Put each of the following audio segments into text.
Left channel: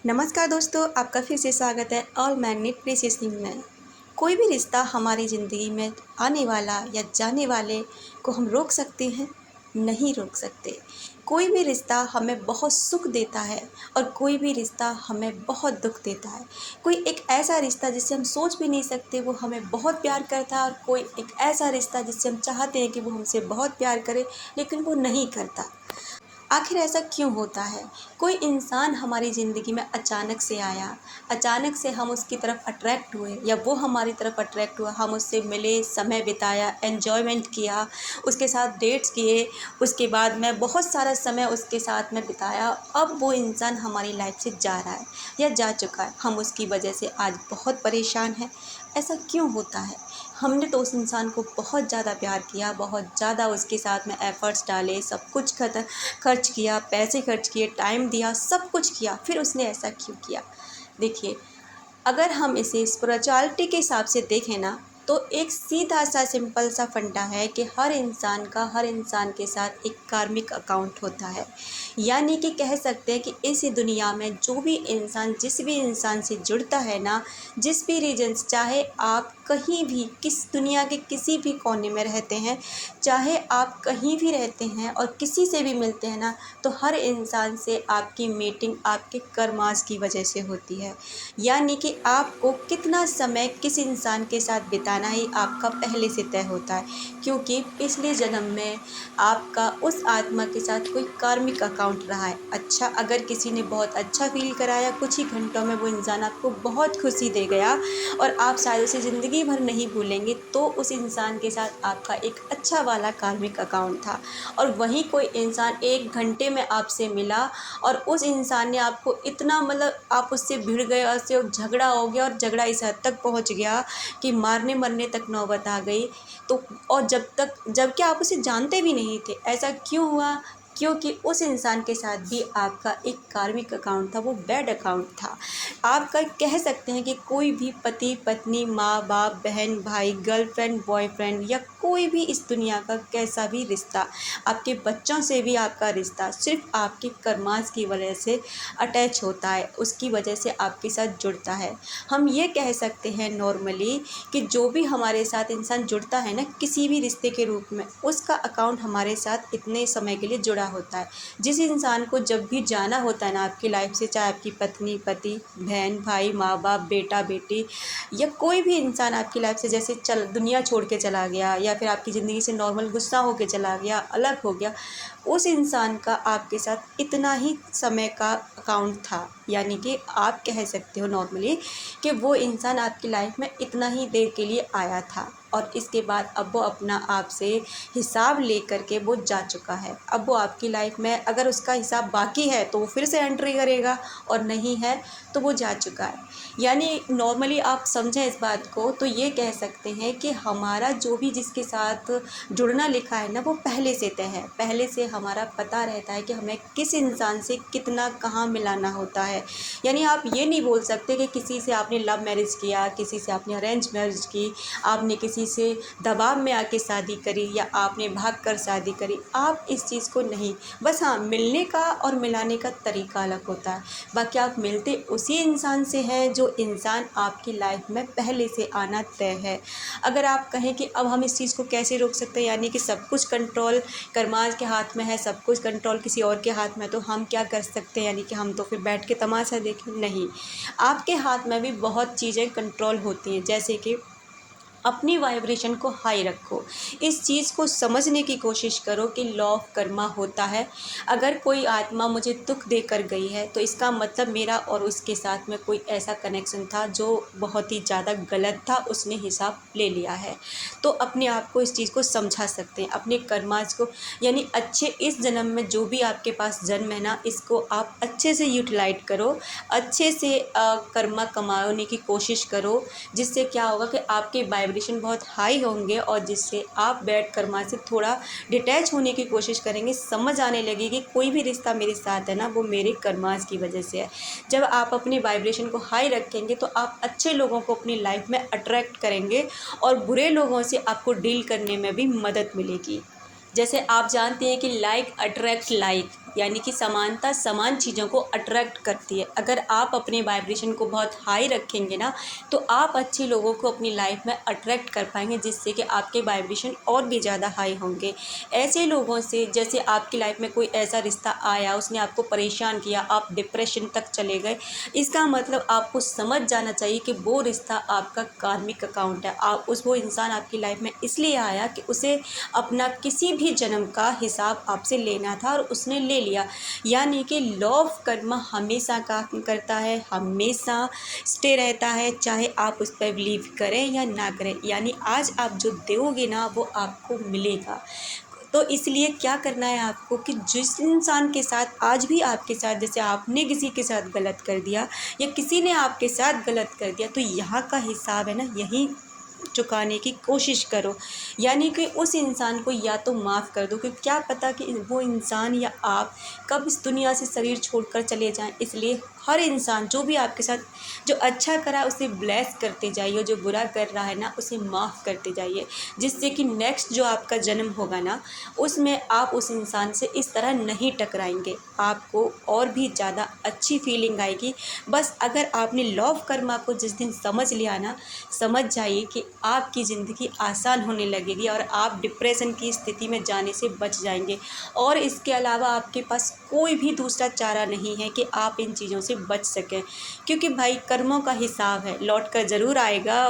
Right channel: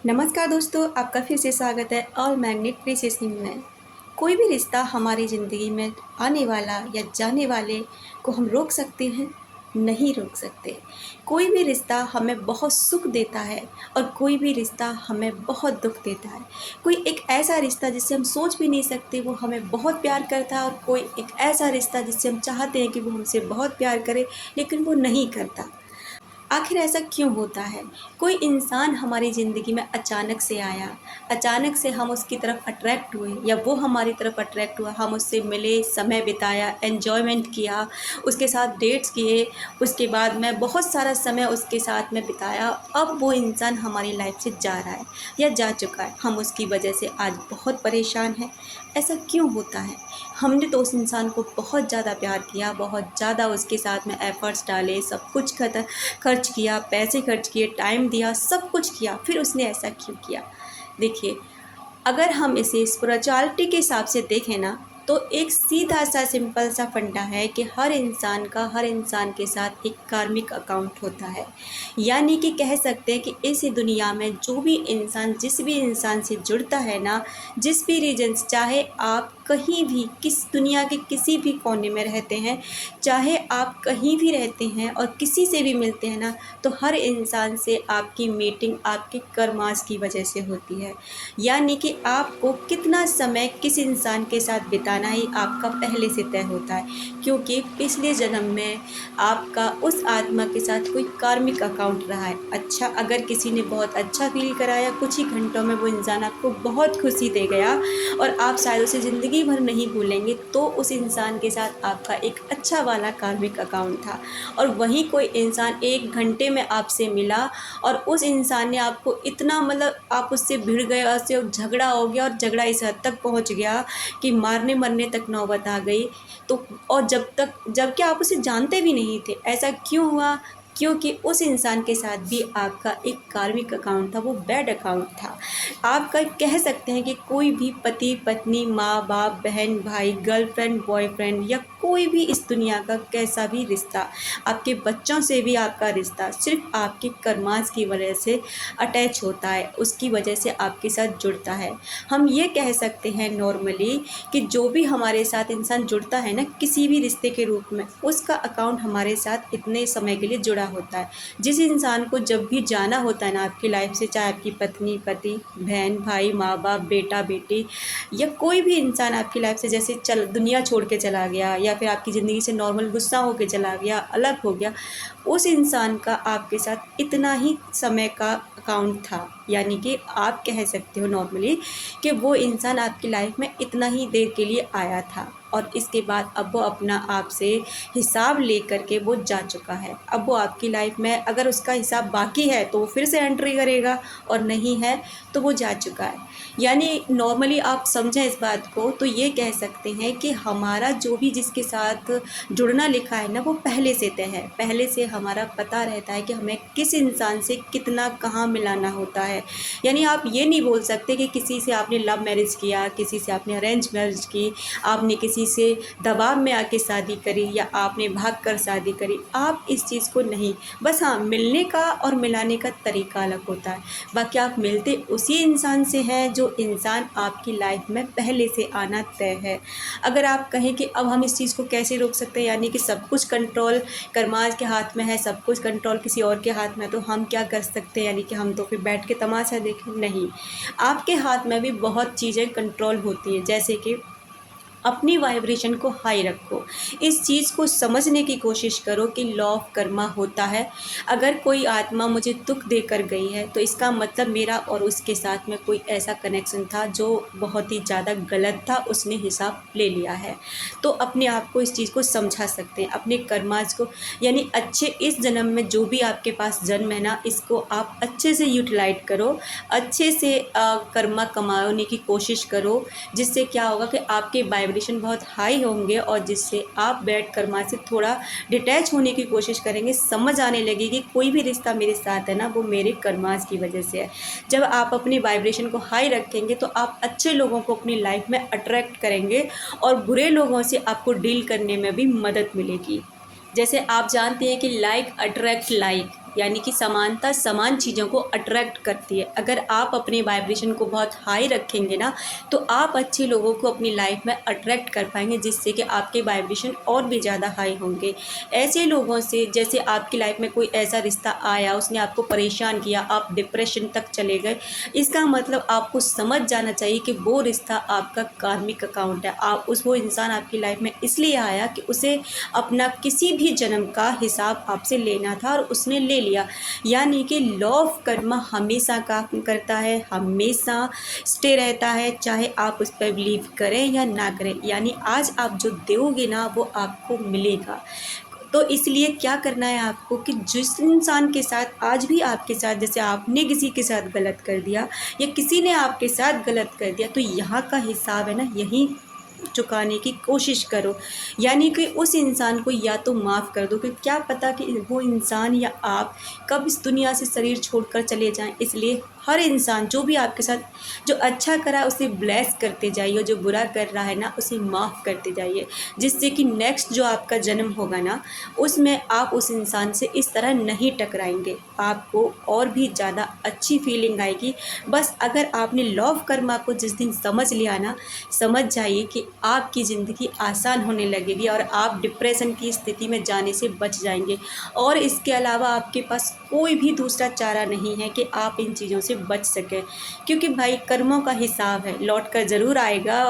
नमस्कार दोस्तों, आपका फिर से स्वागत है ऑल मैग्नेट प्रीसियसनिंग में। कोई भी रिश्ता हमारी ज़िंदगी में आने वाला या जाने वाले को हम रोक सकते हैं? नहीं रोक सकते। कोई भी रिश्ता हमें बहुत सुख देता है और कोई भी रिश्ता हमें बहुत दुख देता है। कोई एक ऐसा रिश्ता जिससे हम सोच भी नहीं सकते वो हमें बहुत प्यार करता है और कोई एक ऐसा रिश्ता जिससे हम चाहते हैं कि वो हमसे बहुत प्यार करे लेकिन वो नहीं करता। आखिर ऐसा क्यों होता है? कोई इंसान हमारी ज़िंदगी में अचानक से आया, अचानक से हम उसकी तरफ अट्रैक्ट हुए या वो हमारी तरफ अट्रैक्ट हुआ, हम उससे मिले, समय बिताया, एन्जॉयमेंट किया, उसके साथ डेट्स किए, उसके बाद में बहुत सारा समय उसके साथ में बिताया। अब वो इंसान हमारी लाइफ से जा रहा है या जा चुका है, हम उसकी वजह से आज बहुत परेशान हैं। ऐसा क्यों होता है? हमने तो उस इंसान को बहुत ज़्यादा प्यार किया, बहुत ज़्यादा उसके साथ में एफ़र्ट्स डाले, सब कुछ खर्च किया, पैसे खर्च किए, टाइम दिया, सब कुछ किया, फिर उसने ऐसा क्यों किया? देखिए, अगर हम इसे स्पिरिचुअलिटी के हिसाब से देखें ना, तो एक सीधा सा सिंपल सा फंडा है कि हर इंसान का हर इंसान के साथ एक कार्मिक अकाउंट होता है। यानी कि कह सकते हैं कि इस दुनिया में जो भी इंसान जिस भी इंसान से जुड़ता है ना, जिस भी रीजन से, चाहे आप कहीं भी किस दुनिया के किसी भी कोने में रहते हैं, चाहे आप कहीं भी रहते हैं और किसी से भी मिलते हैं ना, तो हर इंसान से आपकी मीटिंग आपके कर्मास की वजह से होती है। यानी कि आपको कितना समय किस इंसान के साथ बिताना ही आपका पहले से तय होता है, क्योंकि पिछले जन्म में आपका उस आत्मा के साथ कोई कार्मिक अकाउंट रहा है। अच्छा, अगर किसी ने बहुत अच्छा फील कराया, कुछ ही घंटों में वो इंसान आपको बहुत खुशी दे गया और आप शायद उसे ज़िंदगी भर नहीं भूलेंगे, तो उस इंसान के साथ आपका एक अच्छा वाला कार्मिक अकाउंट था। और वहीं कोई इंसान 1 घंटे में आपसे मिला और उस इंसान ने आपको इतना, मतलब आप उससे भिड़ गए और उससे झगड़ा हो गया और झगड़ा इस हद तक पहुंच गया कि मारने मरने तक नौबत आ गई। तो और जबकि आप उसे जानते भी नहीं थे। ऐसा क्यों हुआ? क्योंकि उस इंसान के साथ भी आपका एक कार्मिक अकाउंट था, वो बैड अकाउंट था। आपका कह सकते हैं कि कोई भी पति पत्नी, माँ बाप, बहन भाई, गर्लफ्रेंड बॉयफ्रेंड या कोई भी इस दुनिया का कैसा भी रिश्ता, आपके बच्चों से भी आपका रिश्ता सिर्फ आपके कर्मास की वजह से अटैच होता है, उसकी वजह से आपके साथ जुड़ता है। हम ये कह सकते हैं नॉर्मली कि जो भी हमारे साथ इंसान जुड़ता है ना किसी भी रिश्ते के रूप में, उसका अकाउंट हमारे साथ इतने समय के लिए जुड़ा होता है। जिस इंसान को जब भी जाना होता है ना आपकी लाइफ से, चाहे आपकी पत्नी पति, बहन भाई, माँ बाप, बेटा बेटी या कोई भी इंसान आपकी लाइफ से जैसे चल दुनिया छोड़ के चला गया या फिर आपकी ज़िंदगी से नॉर्मल गुस्सा होके चला गया, अलग हो गया, उस इंसान का आपके साथ इतना ही समय का अकाउंट था। यानी कि आप कह सकते हो नॉर्मली कि वो इंसान आपकी लाइफ में इतना ही देर के लिए आया था और इसके बाद अब वो अपना आपसे हिसाब लेकर के वो जा चुका है। अब वो आपकी लाइफ में अगर उसका हिसाब बाकी है तो वो फिर से एंट्री करेगा और नहीं है तो वो जा चुका है। यानी नॉर्मली आप समझें इस बात को तो ये कह सकते हैं कि हमारा जो भी जिसके साथ जुड़ना लिखा है ना वो पहले से तय है। पहले से हमारा पता रहता है कि हमें किस इंसान से कितना कहाँ मिलाना होता है। यानी आप ये नहीं बोल सकते कि किसी से आपने लव मैरिज किया, किसी से आपने अरेंज मैरिज की, आपने किसी से दबाव में आके शादी करी या आपने भाग कर शादी करी। आप इस चीज़ को नहीं, बस हाँ, मिलने का और मिलाने का तरीका अलग होता है। बाकी आप मिलते उसी इंसान से हैं जो इंसान आपकी लाइफ में पहले से आना तय है। अगर आप कहें कि अब हम इस चीज़ को कैसे रोक सकते हैं, यानी कि सब कुछ कंट्रोल कर्माज के हाथ में है, सब कुछ कंट्रोल किसी और के हाथ में है, तो हम क्या कर सकते हैं? यानी कि हम तो फिर बैठ के तमाशा देखें? नहीं, आपके हाथ में भी बहुत चीज़ें कंट्रोल होती हैं। जैसे कि अपनी वाइब्रेशन को हाई रखो। इस चीज़ को समझने की कोशिश करो कि लॉ ऑफ कर्मा होता है। अगर कोई आत्मा मुझे दुख देकर गई है तो इसका मतलब मेरा और उसके साथ में कोई ऐसा कनेक्शन था जो बहुत ही ज़्यादा गलत था, उसने हिसाब ले लिया है। तो अपने आप को इस चीज़ को समझा सकते हैं, अपने कर्माज को, यानी अच्छे इस जन्म में जो भी आपके पास जन्म है ना, इसको आप अच्छे से यूटिलाइज करो, अच्छे से कर्मा कमाने की कोशिश करो, जिससे क्या होगा कि आपके वाइब्रेशन बहुत हाई होंगे और जिससे आप बैठ कर्मा से थोड़ा डिटैच होने की कोशिश करेंगे। समझ आने लगेगी कोई भी रिश्ता मेरे साथ है ना वो मेरे कर्मास की वजह से है। जब आप अपनी वाइब्रेशन को हाई रखेंगे तो आप अच्छे लोगों को अपनी लाइफ में अट्रैक्ट करेंगे और बुरे लोगों से आपको डील करने में भी मदद मिलेगी। जैसे आप जानते हैं कि लाइक अट्रैक्ट लाइक, यानी कि समानता समान चीज़ों को अट्रैक्ट करती है। अगर आप अपने वाइब्रेशन को बहुत हाई रखेंगे ना, तो आप अच्छे लोगों को अपनी लाइफ में अट्रैक्ट कर पाएंगे, जिससे कि आपके वाइब्रेशन और भी ज़्यादा हाई होंगे। ऐसे लोगों से, जैसे आपकी लाइफ में कोई ऐसा रिश्ता आया, उसने आपको परेशान किया, आप डिप्रेशन तक चले गए, इसका मतलब आपको समझ जाना चाहिए कि वो रिश्ता आपका कार्मिक अकाउंट है। आप वो इंसान आपकी लाइफ में इसलिए आया कि उसे अपना किसी भी जन्म का हिसाब आपसे लेना था और उसने ले लिया। यानी कि लॉ ऑफ कर्म हमेशा काम करता है, हमेशा स्टे रहता है, चाहे आप उस पर बिलीव करें या ना करें। यानी आज आप जो दोगे ना, वो आपको मिलेगा। तो इसलिए क्या करना है आपको कि जिस इंसान के साथ आज भी आपके साथ, जैसे आपने किसी के साथ गलत कर दिया या किसी ने आपके साथ गलत कर दिया, तो यहाँ का हिसाब है ना, यही चुकाने की कोशिश करो। यानी कि उस इंसान को या तो माफ़ कर दो, क्योंकि क्या पता कि वो इंसान या आप कब इस दुनिया से शरीर छोड़कर चले जाएं। इसलिए हर इंसान जो भी आपके साथ जो अच्छा करा उसे ब्लेस करते जाइए, और जो बुरा कर रहा है ना, उसे माफ़ करते जाइए, जिससे कि नेक्स्ट जो आपका जन्म होगा ना, उसमें आप उस इंसान से इस तरह नहीं टकराएंगे। आपको और भी ज़्यादा अच्छी फीलिंग आएगी। बस अगर आपने लॉ ऑफ कर्मा को जिस दिन समझ लिया ना, समझ जाइए कि आपकी ज़िंदगी आसान होने लगेगी और आप डिप्रेशन की स्थिति में जाने से बच जाएंगे। और इसके अलावा आपके पास कोई भी दूसरा चारा नहीं है कि आप इन चीज़ों से बच सकें, क्योंकि भाई कर्मों का हिसाब है, लौट कर ज़रूर आएगा।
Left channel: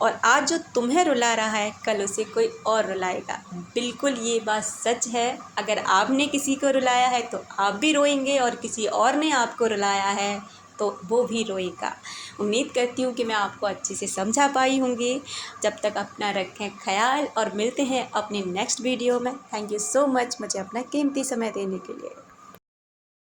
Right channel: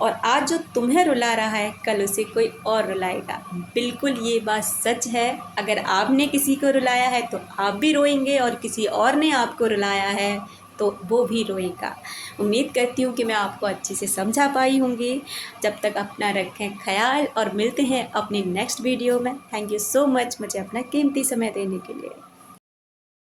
और आज जो तुम्हें रुला रहा है, कल उसे कोई और रुलाएगा। बिल्कुल ये बात सच है। अगर आपने किसी को रुलाया है तो आप भी रोएंगे, और किसी और ने आपको रुलाया है तो वो भी रोएगा। उम्मीद करती हूँ कि मैं आपको अच्छे से समझा पाई होंगी। जब तक अपना रखें ख्याल, और मिलते हैं अपने नेक्स्ट वीडियो में। थैंक यू सो मच मुझे अपना कीमती समय देने के लिए।